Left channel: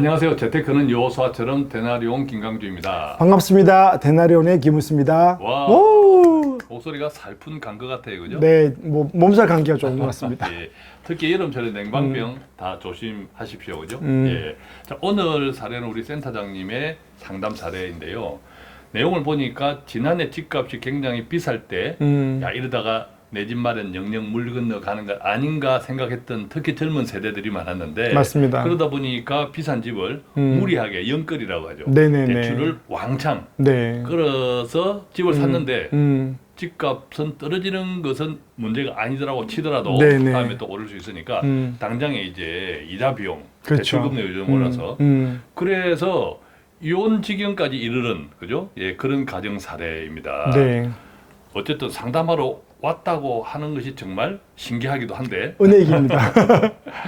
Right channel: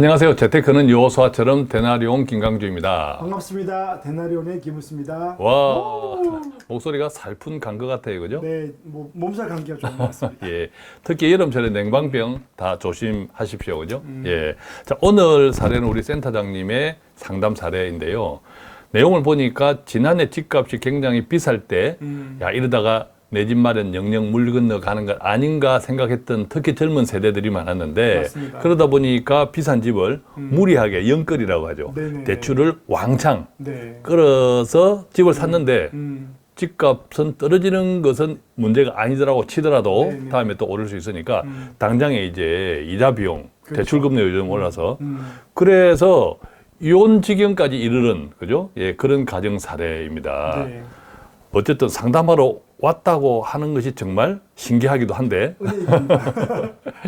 안녕하세요. 재테크는 요소화처럼 데나리온 김강주입니다. 반갑습니다. 데나리온의 김우수입니다. 와, 오! 목소리가 살푼 간 것 같아요, 그죠? 네, 뭐 몸살 감기가 좋은 것 같습니다. 예, 특히 여름철에 냉방병 다 조심하십시오, 그죠? 예, 자, 오늘 사례는 우리 센터장님의 상담 사례인데요. 내용을 보니까 지난해 집값이 굉장히 비쌀 때, 야, 이러다가 내 집 마련 영영 물 건너가는 것 아닌가 생각했던 특히 젊은 세대들이 많았는데 맞습니다. 그러다 보니까 비싼 집을 무리하게 영끌이라고 하죠. 네네네. 대출을 왕창 네. 끌어서 집을 샀는데 음, 집값은 떨어지는 것은 문제가 아니더라고 치더라도 네네. 다음에 또 오를 수 있으니까 당장에 이제 이자 비용, 그렇죠. 대출 금리가 요즘 올라서 그래서 이혼 지경까지 이르는 그죠? 예, 그런 가정 사례입니다. 네. 어쨌든 상담하러 왔다고 하는 것이 정말 신기하기도 한데 은혜익입니다.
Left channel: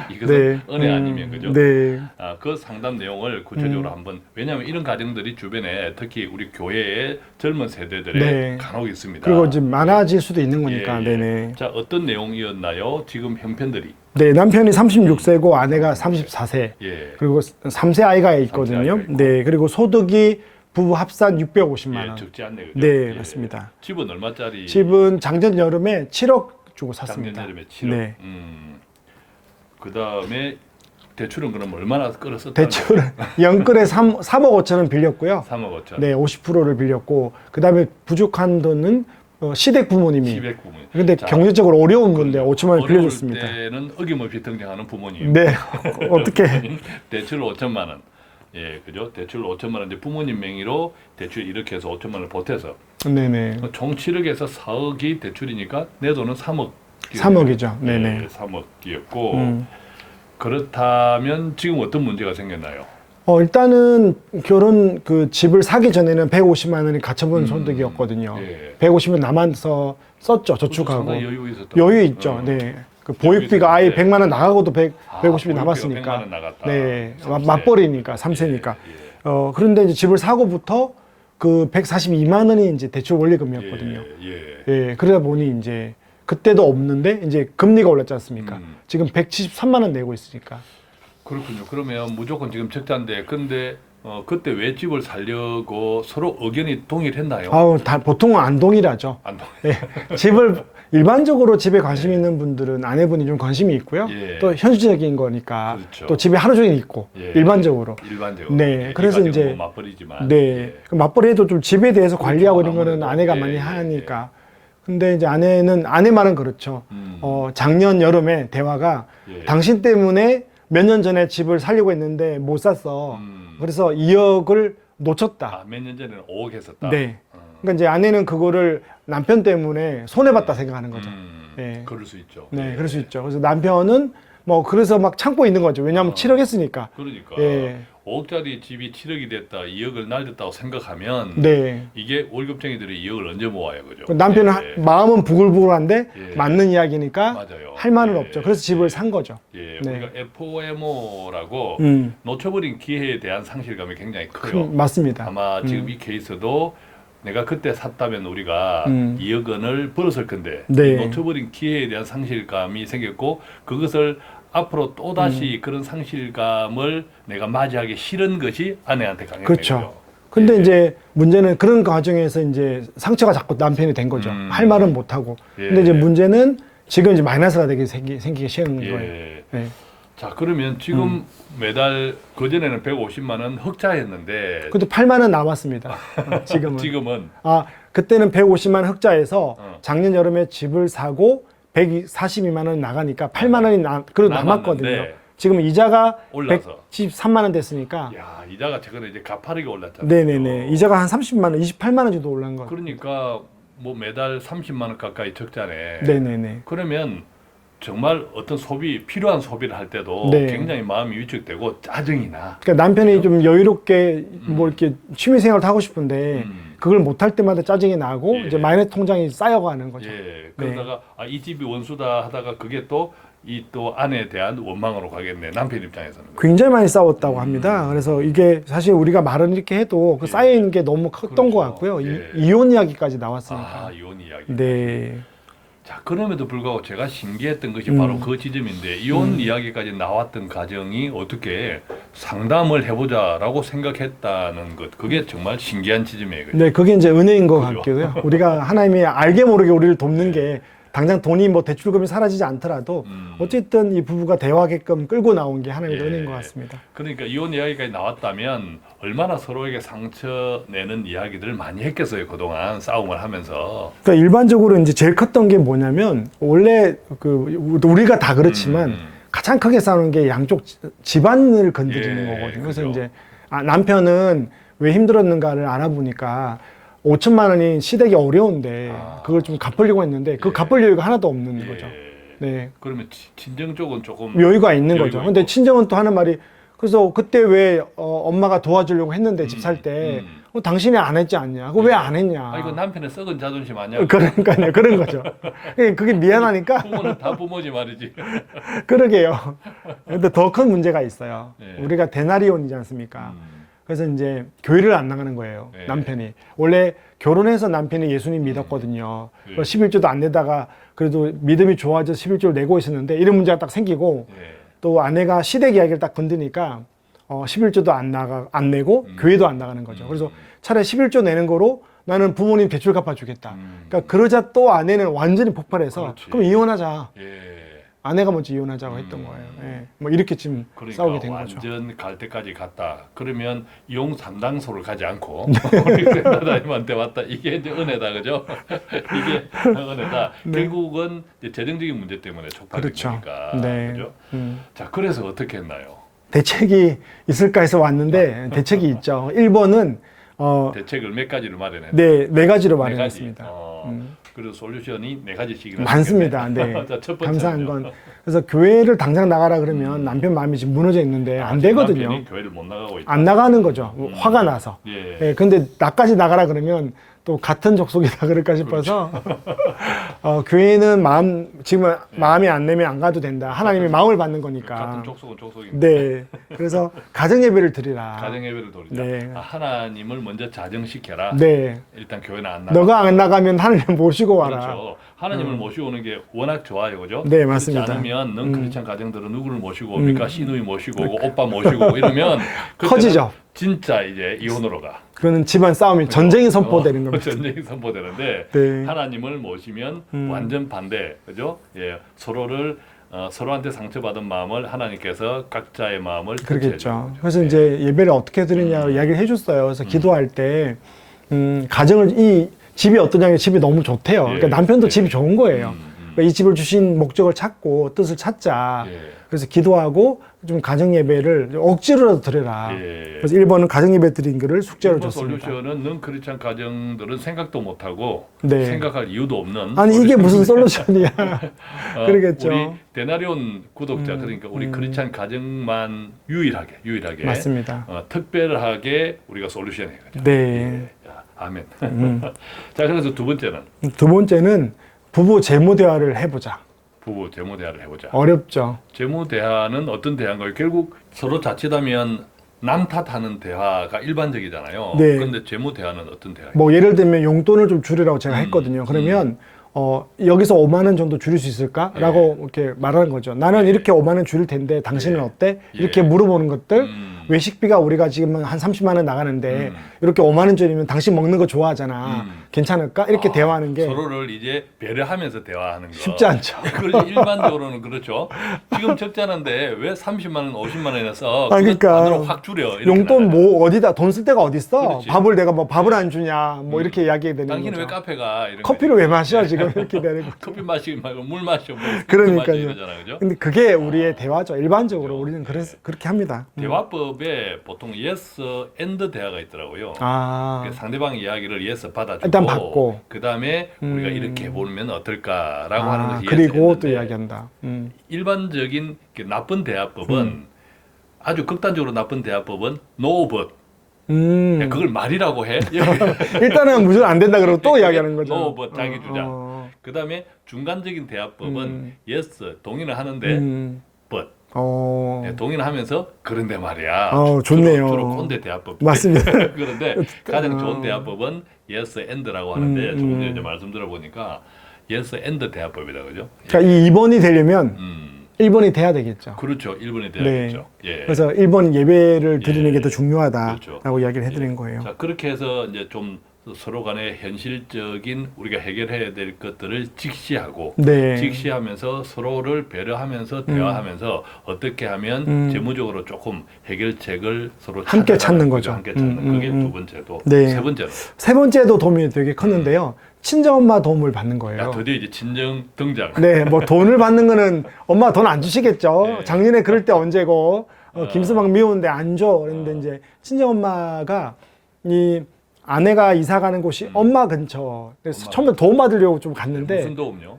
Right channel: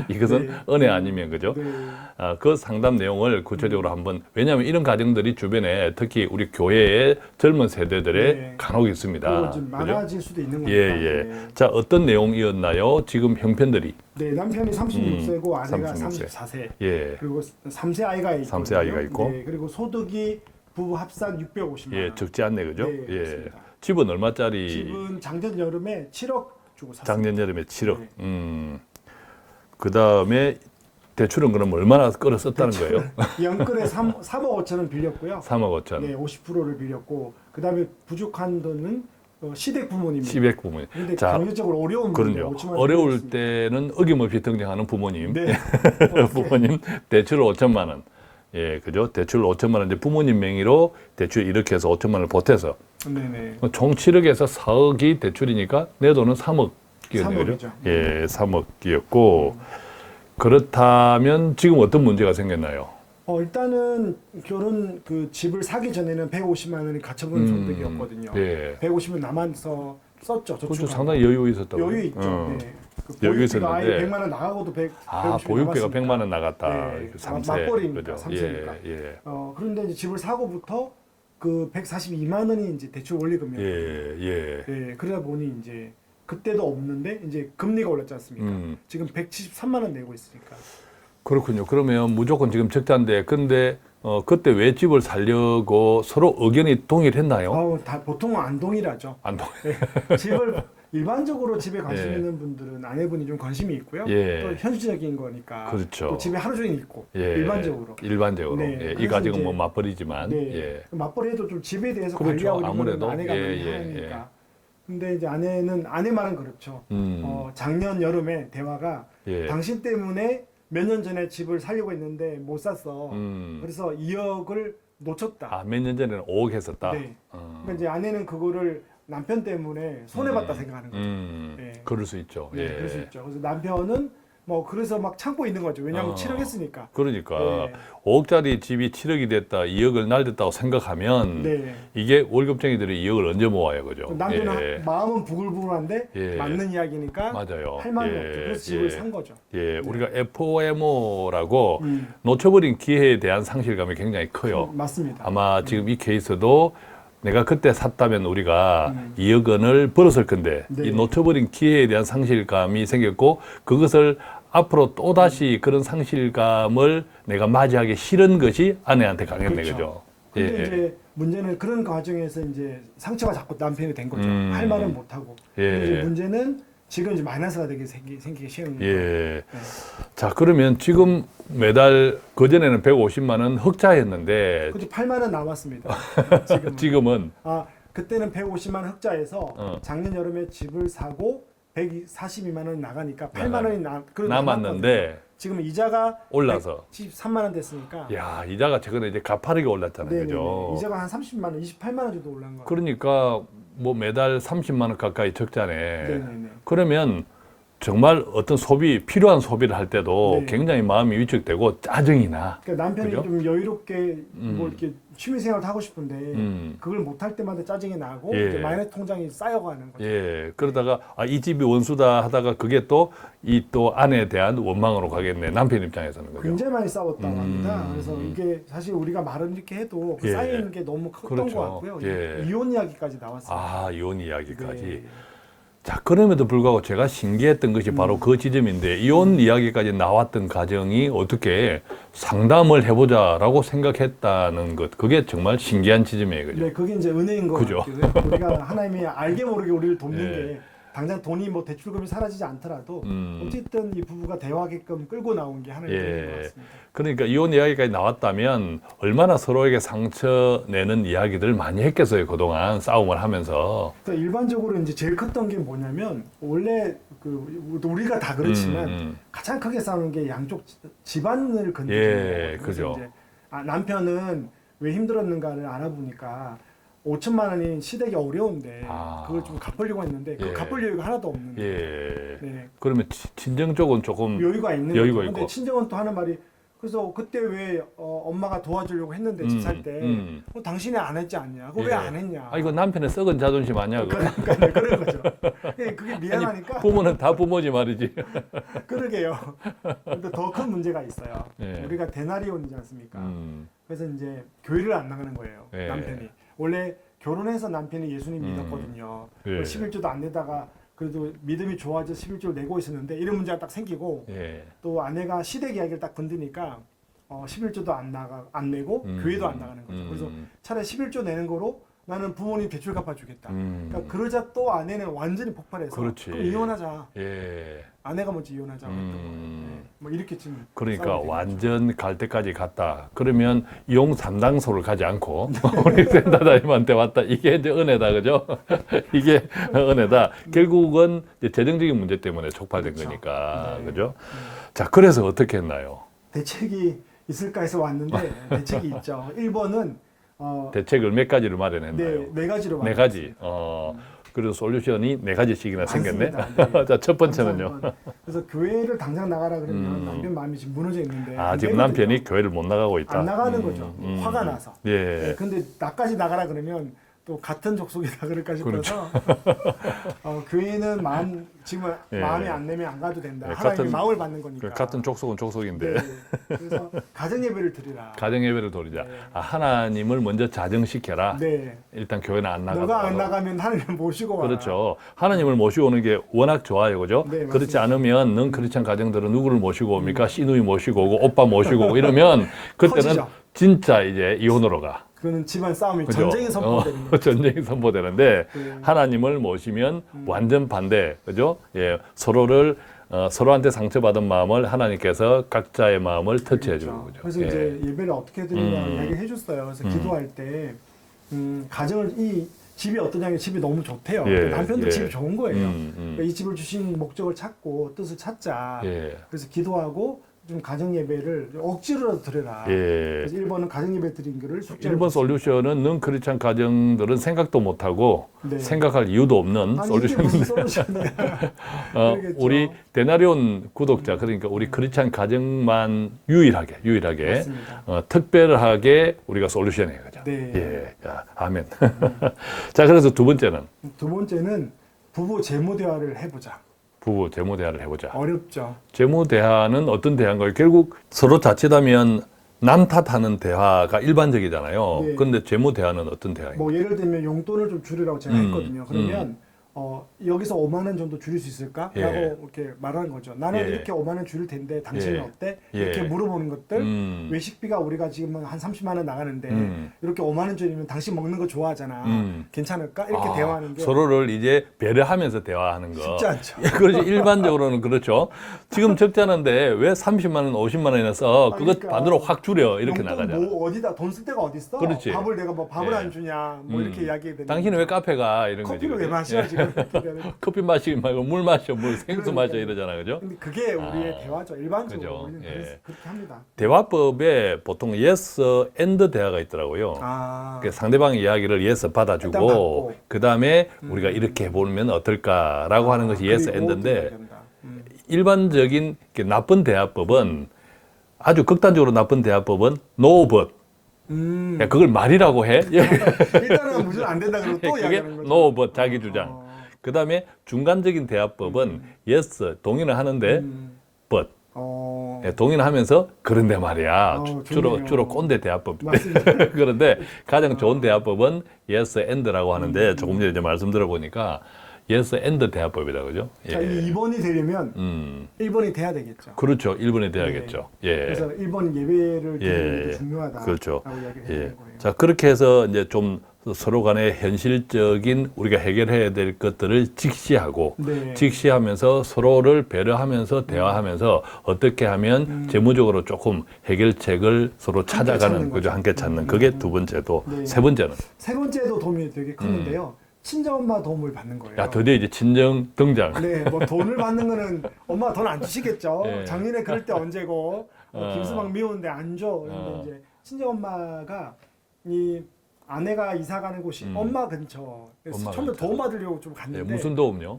이것은 네. 은혜 아니면 그죠? 네. 그 상담 내용을 구체적으로 한번 왜냐하면 이런 가정들이 주변에 특히 우리 교회의 젊은 세대들에 네. 간혹 있습니다. 그리고 이제 많아질 수도 있는 거니까. 예, 예. 네네. 자, 어떤 내용이었나요? 지금 형편들이. 네, 남편이 36세고 아내가 36세. 34세. 예. 그리고 3세 아이가 있거든요. 아이가 있고. 네, 그리고 소득이 부부 합산 650만 원. 예, 적지 않네, 그죠? 네, 예. 맞습니다. 집은 얼마짜리? 집은 작년 여름에 7억 주고 샀습니다. 작년 여름에 7억. 네. 그 다음에 대출은 그럼 얼마나 끌었었다는 대출 거예요? 영끌에 3억 5천원 빌렸고요. 3억 5천. 네, 50%를 빌렸고 그다음에 부족한 돈은 시댁 부모님이. 시백 부모님. 근데 자, 경제적으로 어려운데 그럼요. 5천만 원 어려울 빌렸습니다. 때는 어김없이 등장하는 부모님. 네, 어떻게? 부모님 대출 5천만 원. 예, 그죠? 대출 5천만 원 이제 부모님 명의로 대출 이렇게 해서 5천만 원을 보태서 네네. 총 7억에서 4억이 대출이니까 내 돈은 3억. 3억이죠. 예, 네네. 3억이었고 그렇다면 지금 어떤 문제가 생겼나요? 일단은 결혼 그 집을 사기 전에는 150만 원이 가처분 소득이었거든요. 예. 150은 남아서 썼죠. 저축하고. 상당히 여유 있었던. 여유 있죠. 네. 그 여유 보육비가 아예 있었는데. 100만 원 나가고도 150이 보육비가 남았으니까. 100만 원 나갔다. 네. 삼세. 맞벌이니까, 그죠? 3세니까. 예, 예. 그런데 이제 집을 사고부터 그 142만 원이 이제 대출 원리금이었거든요. 예. 예, 그러다 보니 이제 그때도 없는데 이제 금리가 올랐지 않습니까? 지금 173만 원 내고 있으니까. 그렇군요. 그러면 무조건 지금 적자인데 근데 그때 왜 집을 살려고 서로 의견이 동일했나요? 아우, 보통은 안 동일하죠. 안 동. 예, 집을 일반적으로 집에 관심 있는 분들은 아내분이 좀 관심이 있고요. 예. 또 현실적인 거니까 그렇죠. 또 집에 하루 종일 있고 예. 일반적으로. 일반적으로. 네, 예, 그래서 이 가정은 이제 뭐 맞벌이지만. 네. 예. 그 맞벌이해도 좀 집에 대해서 그렇죠. 관리하고 이런 거는 아무래도. 아내가 예, 많이 예, 하니까. 근데 이제 아내 말은 그렇죠. 작년 여름에 대화가 예. 당신 때문에 몇 년 전에 집을 살려고 했는데 못 샀어. 그래서 2억을 놓쳤다. 몇 년 전에는 5억 했었다. 네. 그러니까 이제 아내는 그거를 남편 때문에 손해봤다 생각하는 거죠. 네. 그럴 수 있죠. 네, 예. 그럴 수 있죠. 그래서 남편은 뭐 그래서 막 참고 있는 거죠. 왜냐하면 7억 했으니까. 그러니까 예. 5억짜리 집이 7억이 됐다, 2억을 날렸다고 생각하면 네. 이게 월급쟁이들이 2억을 언제 모아요, 그죠? 남편은 예. 마음은 부글부글한데 예. 맞는 이야기니까 맞아요. 할 말은 예. 없죠. 그래서 집을 예. 산 거죠. 예, 네. 우리가 FOMO라고 음. 놓쳐버린 기회에 대한 상실감이 굉장히 커요. 맞습니다. 아마 지금 이 케이스도 내가 그때 샀다면 우리가 2억 원을 벌었을 건데 네. 이 놓쳐버린 기회에 대한 상실감이 생겼고 그것을 앞으로 또다시 그런 상실감을 내가 맞이하기 싫은 것이 아내한테 강요된 그렇죠. 거죠. 근데 예. 이제 문제는 그런 과정에서 이제 상처가 자꾸 남편이 된 거죠. 할 말은 못 하고. 예. 근데 이제 문제는 지금 이제 마이너스가 되게 생기기 쉬운 거예요. 예. 네. 자, 그러면 지금 매달 그전에는 150만 원 흑자였는데 그래도 8만 원 남았습니다. 지금은. 지금은 그때는 150만 원 흑자에서 작년 여름에 집을 사고 142만 원 나가니까 8만 원이 그래도 남았거든요. 남았는데 지금 이자가 올라서. 113만 원 됐으니까. 야, 이자가 최근에 이제 가파르게 올랐잖아요. 네네네. 그죠? 이자가 한 30만 원, 28만 원 정도 올라간 거예요. 그러니까 뭐 매달 30만 원 가까이 적자네. 네네네. 그러면 정말 어떤 필요한 소비를 할 때도 네. 굉장히 마음이 위축되고 짜증이 나. 그러니까 남편이 좀 여유롭게 뭐 이렇게 취미 생활을 하고 싶은데 그걸 못 할 때마다 짜증이 나고 예. 이제 마이너스 통장이 쌓여가는 거죠. 예. 그러다가 이 집이 원수다 하다가 그게 또 또 아내에 대한 원망으로 가겠네. 남편 입장에서는. 굉장히 많이 싸웠다고 합니다. 그래서 이게 사실 우리가 말은 이렇게 해도 그 예. 쌓인 게 너무 컸던 그렇죠. 것 같고요. 예. 이혼 이야기까지 나왔습니다. 이혼 이야기까지. 네. 자, 그럼에도 불구하고 제가 신기했던 것이 바로 그 지점인데 이혼 이야기까지 나왔던 가정이 어떻게 상담을 해보자라고 생각했다는 것, 그게 정말 신기한 지점이에요. 그죠? 네, 그게 이제 은혜인 것 그죠? 같고요. 우리가 하나님이 알게 모르게 우리를 돕는 네. 게 당장 돈이 뭐 대출금이 사라지지 않더라도 어쨌든 이 부부가 대화하게끔 끌고 나온 게 하나님의 예. 은혜인 것 같습니다. 그러니까 이혼 이야기까지 나왔다면 얼마나 서로에게 상처 내는 이야기들 많이 했겠어요. 그동안 싸움을 하면서. 그러니까 일반적으로 이제 제일 컸던 게 뭐냐면 원래 그 우리가 다 그렇지만 가장 크게 싸우는 게 양쪽 집안을 건드리는 예, 거거든요. 그래서 그죠. 이제 남편은 왜 힘들었는가를 알아보니까 5천만 원이 시댁이 어려운데 그걸 좀 갚으려고 했는데 그 예. 갚을 여유가 하나도 없는 예. 거죠. 네. 그러면 친정 쪽은 조금 여유가 있는 여유가 거죠. 있고. 근데 친정은 또 하는 말이 그래서 그때 왜 엄마가 도와주려고 했는데 집 살 때 당신이 안 했지 않냐? 그거 왜 안 했냐? 아, 이거 남편의 썩은 자존심 아니야? 그러니까요. 그런 거죠. 그게 미안하니까 부모는 다 부모지 말이지. 그러게요. 근데 더 큰 문제가 있어요. 예. 우리가 대나리온이지 않습니까? 그래서 이제 교회를 안 나가는 거예요. 예. 남편이. 원래 결혼해서 남편이 예수님 믿었거든요. 예. 그래서 11조도 안 내다가 그래도 믿음이 좋아져서 11조를 내고 있었는데 이런 문제가 딱 생기고 예. 또 아내가 시댁 이야기를 딱 건드니까 11조도 안 내고 교회도 안 나가는 거죠. 그래서 차라리 11조 내는 거로 나는 부모님 대출 갚아주겠다. 그러니까 그러자 또 아내는 완전히 폭발해서 그렇지. 그럼 이혼하자. 예. 아내가 먼저 이혼하자고 했던 거예요. 예. 뭐 이렇게 지금 그러니까 싸우게 된 거죠. 완전 갈 때까지 갔다. 그러면 이용 상당소를 가지 않고 우리 센터장님한테 왔다. 이게 이제 은혜다, 그죠? 이게 은혜다. 결국은 이제 재정적인 문제 때문에 촉발된 네. 그렇죠. 거니까, 네. 그죠? 자, 그래서 어떻게 했나요? 대책이 있을까 해서 왔는데 대책이 있죠. 1번은 대책을 몇 가지를 마련했나요? 네 가지로 네 가지. 마련했습니다. 그리고 솔루션이 네 가지씩이나 많습니다. 생겼네. 네. 자, 첫 감사한 번째는요. 건 그래서 교회를 당장 나가라 그러면 남편 마음이 지금 무너져 있는데 안 지금 되거든요. 남편이 교회를 못 나가고 있다. 안 나가는 거죠. 화가 나서. 예. 예, 근데 나까지 나가라 그러면 또 같은 족속이다 그럴까 싶어서 교회는 지금 예. 마음이 안 내면 안 가도 된다. 하나님의 마음을 받는 거니까. 같은 족속은 족속인데. 네. 그래서 가정 예배를 드리라. 가정 예배를 드리자. 네. 하나님을 먼저 자정시켜라. 네. 일단 교회는 안 나가. 너가 안 나가면 하나님 모시고 와라. 그렇죠. 하나님을 모시고 오는 게 워낙 좋아요, 그죠? 네, 그렇지 맞습니다. 않으면 넌 크리스찬 가정들은 누구를 모시고 옵니까? 시누이 모시고 오고 오빠 모시고 오고 이러면 그때는 커지죠. 진짜 이제 이혼으로 가. 그러는 집안 싸움이 전쟁이 선포되는 겁니다. 전쟁이 선포되는데 네. 하나님을 모시면 완전 반대, 그죠? 예, 서로한테 상처받은 마음을 하나님께서 각자의 마음을 그렇겠죠. 터치해줘요. 그래서 이제 예배를 어떻게 드리냐고 이야기를 해줬어요. 그래서 기도할 때 이 집이 어떠냐면 집이 너무 좋대요. 그러니까 남편도 예. 집이 좋은 거예요. 그러니까 이 집을 주신 목적을 찾고 뜻을 찾자. 예. 그래서 기도하고 좀 가정 예배를 억지로라도 드려라. 예. 그래서 1번은 가정 예배 드린 거를 숙제로 일본 줬습니다. 솔루션은 넌 크리스찬 가정들은 생각도 못하고 네. 생각할 이유도 없는 아니 이게 솔루션. 무슨 솔루션이야? 그러겠죠. 우리 데나리온 구독자 그러니까 우리 크리스찬 가정만 유일하게 맞습니다. 특별하게 우리가 솔루션이에요. 그죠? 네. 예. 자, 아멘. 자, 그래서 두 번째는 두 번째는 부부 재무 대화를 해보자. 부부 재무 대화를 해보자. 어렵죠. 재무 대화는 어떤 대화인가요? 결국 서로 자칫하면 남 탓하는 대화가 일반적이잖아요. 네. 그런데 재무 대화는 어떤 대화예요? 뭐 예를 들면 용돈을 좀 줄이라고 제가 했거든요. 그러면 여기서 5만 원 정도 줄일 수 있을까? 예. 라고 이렇게 말하는 거죠. 나는 예. 이렇게 5만 원 줄일 텐데 당신은 예. 어때? 예. 이렇게 물어보는 것들. 음. 외식비가 우리가 지금 한 30만 원 나가는데 이렇게 5만 원 줄이면 당신 먹는 거 좋아하잖아. 괜찮을까? 이렇게 대화하는 게 서로를 이제 배려하면서 대화하는 거. 쉽지 않죠. 그렇지. 일반적으로는 그렇죠. 지금 적자는데 왜 30만 원, 50만 원이나 써? 아, 그거 그러니까 반으로 확 줄여. 이렇게 용돈 말하는 뭐 어디다 돈 쓸 데가 어디 있어? 그렇지. 밥을 내가 뭐 밥을 안 주냐? 뭐 이렇게 이야기해 되는 당신은 거죠. 왜 카페 가? 이런 커피를 왜 마셔 지금 이렇게 되는 거. 커피 마시기 말고 물 마셔. 물 마셔 그러니까요. 이러잖아요. 그죠? 근데 그게 우리의 대화죠. 일반적으로 그죠. 우리는 예. 그렇게 합니다. 대화법에 보통 yes and 대화가 있더라고요. 아, 그 상대방의 이야기를 yes 받아주고 일단 받고. 그다음에 우리가 이렇게 해보면 어떨까라고 하는 것이 yes 그리고 또 and인데 이야기한다. 일반적인 나쁜 대화법은 아주 극단적으로 나쁜 대화법은 no but 그걸 말이라고 해. 일단은 무조건 안 된다 그러고 또 그게 이야기하는 거죠. no but 자기 주장. 그다음에 중간적인 대화법은 yes 동의는 하는데 but 네, 동의는 하면서 그런데 말이야. 좋네요. 주로 꼰대 대화법. 맞습니다. 그런데 가장 좋은 대화법은 yes and라고 하는데 조금 전에 이제 말씀 들어보니까 예스 앤드 대화법이라 그죠? 예. 그러니까 이 2번이 되려면 1번이 돼야 되겠죠. 그렇죠. 1번에 대하겠죠. 예. 그래서 1번 예배를 드리는 예. 게 더 중요하다라고 그렇죠. 이야기를 해드린 예. 거예요. 자, 그렇게 해서 이제 좀 서로 간에 현실적인 우리가 해결해야 될 것들을 직시하고 네. 직시하면서 서로를 배려하면서 대화하면서 어떻게 하면 재무적으로 조금 해결책을 서로 함께 찾아가는 찾는 거죠. 거죠. 함께 찾는 그게 두 번째도 네. 세 번째는 세 번째도 도움이 되게 컸는데요. 친정엄마 도움을 받는 거예요. 야, 드디어 이제 친정 등장. 네, 뭐 돈을 받는 거는 엄마 돈 안 주시겠죠. 작년에 그럴 때 언제고 김수방 미우는데 안 줘. 그런데 이제 친정엄마가 이 아내가 이사 가는 곳이 엄마 근처. 그래서 엄마 처음에 도움 받으려고 좀 갔는데 무슨 도움요?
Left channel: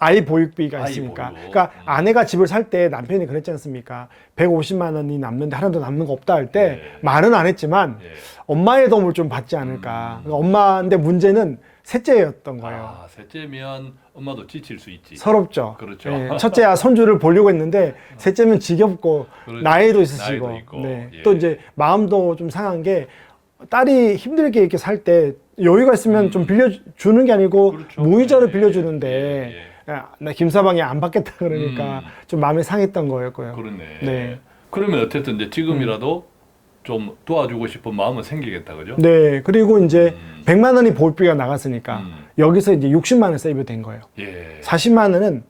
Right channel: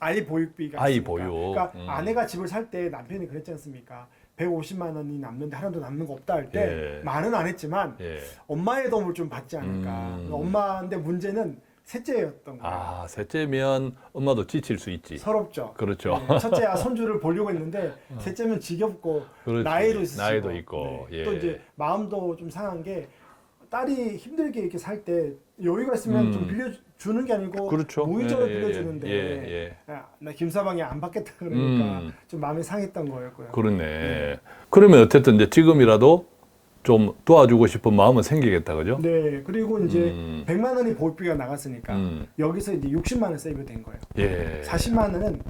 아이 보육비가 아이 있으니까. 보육. 그러니까 아내가 집을 살 때 남편이 그랬지 않습니까? 150만 원이 남는데 하나도 남는 거 없다 할 때 예. 말은 안 했지만 예. 엄마의 도움을 좀 받지 않을까. 그러니까 엄마인데 문제는 셋째였던 거예요. 아, 셋째면 엄마도 지칠 수 있지. 서럽죠. 그렇죠. 예, 첫째야 손주를 보려고 했는데 셋째면 지겹고 그렇죠. 나이도 있으시고 나이도 있고. 네. 예. 또 이제 마음도 좀 상한 게 딸이 힘들게 이렇게 살 때 여유가 있으면 좀 빌려주는 게 아니고 그렇죠. 무이자로 예, 빌려주는데 야, 나 김사방이 안 받겠다 그러니까 좀 마음이 상했던 거였고요. 그렇네. 네. 그러면 어쨌든 이제 지금이라도 좀 도와주고 싶은 마음은 생기겠다, 그죠? 네, 그리고 이제 100만 원이 보육비가 나갔으니까 여기서 이제 60만 원 세이브 된 거예요. 예. 40만 원은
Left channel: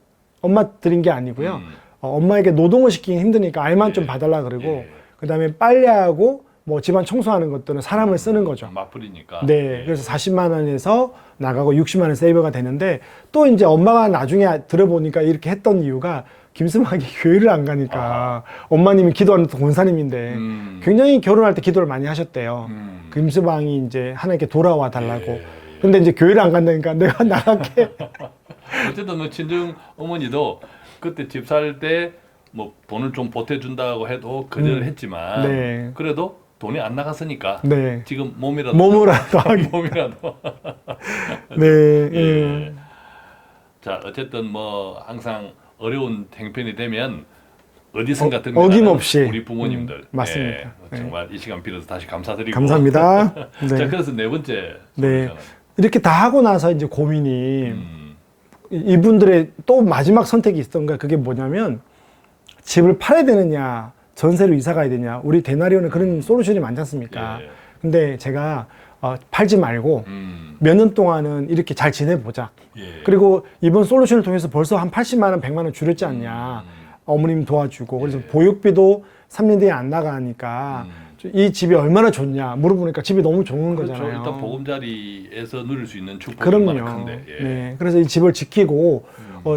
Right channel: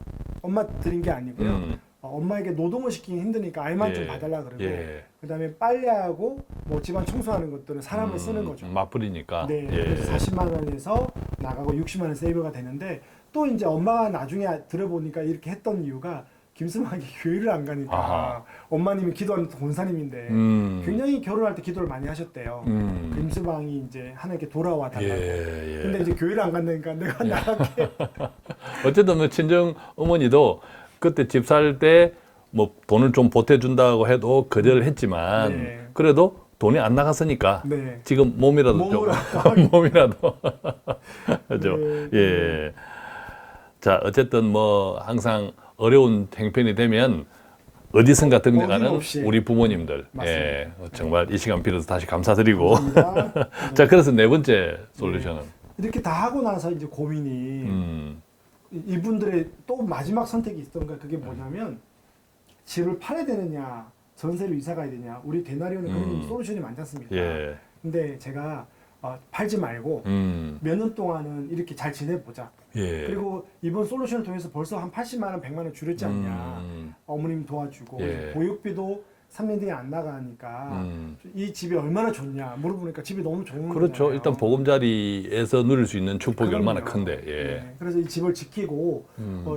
엄마 드린 게 아니고요. 엄마에게 노동을 시키기 힘드니까 알만 좀 예. 봐달라 그러고 예. 그다음에 빨래하고 뭐 집안 청소하는 것들은 사람을 쓰는 거죠. 맞벌이니까. 네, 예. 그래서 40만 원에서 나가고 60만 원 세이브가 되는데 또 이제 엄마가 나중에 들어보니까 이렇게 했던 이유가 김수막이 교회를 안 가니까 아하. 엄마님이 기도하는 권사님인데 굉장히 결혼할 때 기도를 많이 하셨대요. 김수방이 이제 하나님께 돌아와 달라고. 예. 근데 이제 교회를 안 간다니까 내가 나갈게. 어쨌든 뭐 친정 어머니도 그때 집 살 때 뭐 돈을 좀 보태준다고 해도 거절했지만 네. 그래도 돈이 안 나갔으니까 네. 지금 몸이라도 몸으로라도 하기. 몸이라도 그죠? 네, 예. 자, 어쨌든 뭐 항상 어려운 행편이 되면 어디선가 등장하는 어김없이. 우리 부모님들 맞습니다. 예, 정말 이 시간 빌어서 다시 감사드리고 감사합니다. 네. 자, 그래서 네 번째 네. 솔루션은 이렇게 다 하고 나서 이제 고민이 음. 이분들의 또 마지막 선택이 있었던 거야. 그게 뭐냐면 집을 팔아야 되느냐, 전세로 이사 가야 되냐. 우리 대나리온은 그런 솔루션이 많지 않습니까? 예. 근데 제가 팔지 말고 몇 년 동안은 이렇게 잘 지내보자. 예. 그리고 이번 솔루션을 통해서 벌써 한 80만 원, 100만 원 줄였지 않냐. 어머님 도와주고. 그래서 예. 보육비도 3년 뒤에 안 나가니까 이 집이 얼마나 좋냐 물어보니까 집이 너무 좋은 그렇죠. 거잖아요. 일단 보금자리에서 누릴 수 있는 축복이 얼마나 큰데. 예. 네. 그래서 이 집을 지키고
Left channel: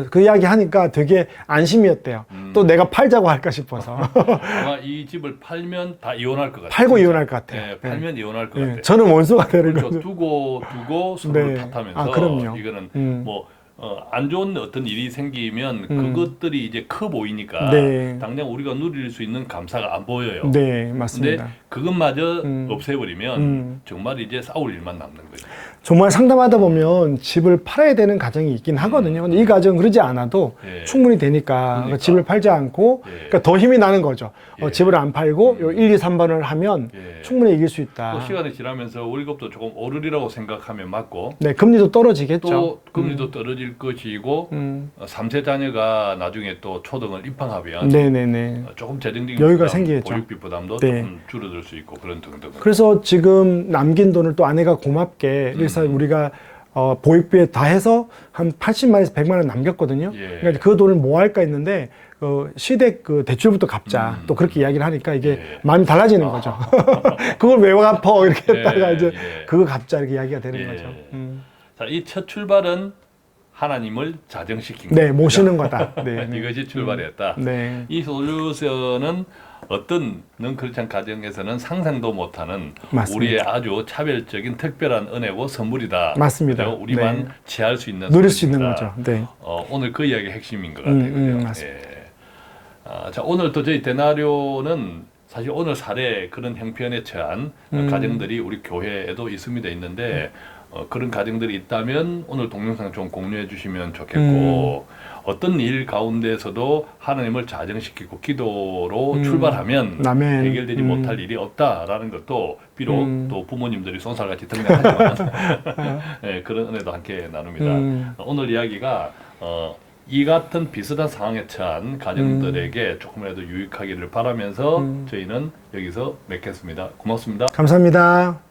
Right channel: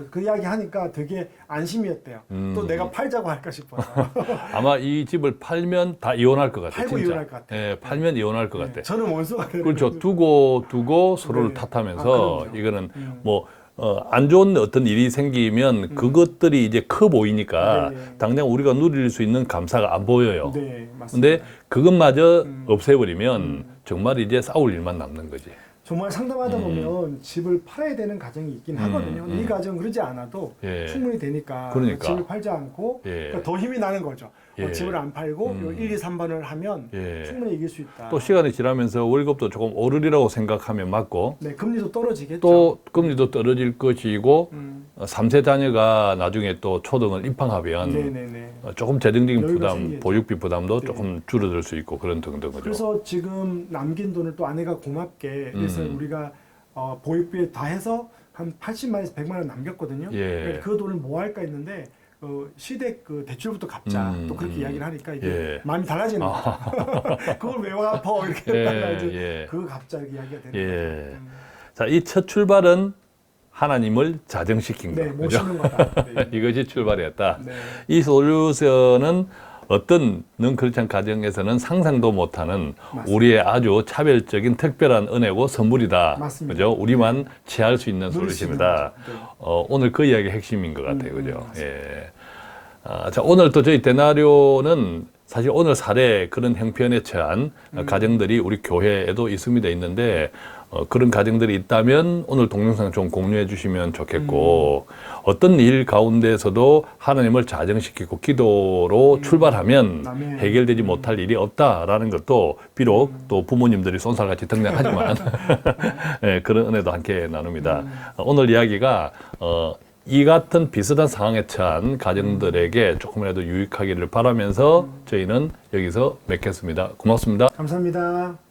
그 이야기 하니까 되게 안심이었대요. 또 내가 팔자고 할까 싶어서. 아마 이 집을 팔면 다 이혼할 것 같아요. 팔고 진짜. 이혼할 것 같아요. 예, 팔면 이혼할 것 네. 같아요. 저는 원수가 되는 그렇죠. 거죠. 두고 서로를 네. 탓하면서 아, 그럼요. 이거는 뭐 안 좋은 어떤 일이 생기면 그것들이 이제 커 보이니까 네. 당장 우리가 누릴 수 있는 감사가 안 보여요. 네, 근데 맞습니다. 그것마저 없애버리면 정말 이제 싸울 일만 남는 거지. 정말 상담하다 보면 집을 팔아야 되는 가정이 있긴 하거든요. 근데 이 가정은 그러지 않아도 예. 충분히 되니까 그러니까. 집을 팔지 않고 예. 그러니까 더 힘이 나는 거죠. 예. 집을 안 팔고 요 1, 2, 3번을 하면 예. 충분히 이길 수 있다. 또 시간이 지나면서 월급도 조금 오르리라고 생각하면 맞고 네, 금리도 떨어지겠죠. 또 금리도 떨어질 것이고 3세 자녀가 나중에 또 초등을 입학하면 네네네. 조금 재정적인 여유가 부담, 생기겠죠. 보육비 부담도 네. 조금 줄어들 수 있고 그런 등등. 그래서 지금 남긴 돈을 또 아내가 고맙게 그래서 우리가 보육비에 다 해서 한 80만에서 100만 원 남겼거든요. 예. 그러니까 그 돈을 뭐 할까 했는데 시댁 그 대출부터 갚자. 또 그렇게 이야기를 하니까 이게 예. 마음이 달라지는 거죠. 그걸 왜 갚어 이렇게 예, 했다가 이제 예. 그거 갚자 이렇게 이야기가 되는 예. 거죠. 자, 이 첫 출발은 하나님을 자정시킨 네, 거예요. 모시는 거다. 네. 이것이 출발이었다. 네. 이 솔루션은 어떤 능크리스찬 가정에서는 상상도 못하는 맞습니다. 우리의 아주 차별적인 특별한 은혜고 선물이다. 맞습니다. 그죠? 우리만 네. 취할 수 있는 누릴 수 있는 소식이다. 거죠. 네. 오늘 그 이야기 핵심인 것 같아요. 그죠? 맞습니다. 예. 자, 오늘 또 저희 데나리오는 사실 오늘 사례 그런 형편에 처한 가정들이 우리 교회에도 있습니다. 있는데 그런 가정들이 있다면 오늘 동영상 좀 공유해 주시면 좋겠고 어떤 일 가운데서도 하나님을 자정시키고 기도로 출발하면 아멘. 해결되지 못할 일이 없다라는 것도 비록 또 부모님들이 손살같이 등장하지만 네, 그런 은혜도 함께 나눕니다. 오늘 이야기가 이 같은 비슷한 상황에 처한 가정들에게 조금이라도 유익하기를 바라면서 저희는 여기서 맺겠습니다. 고맙습니다. 감사합니다.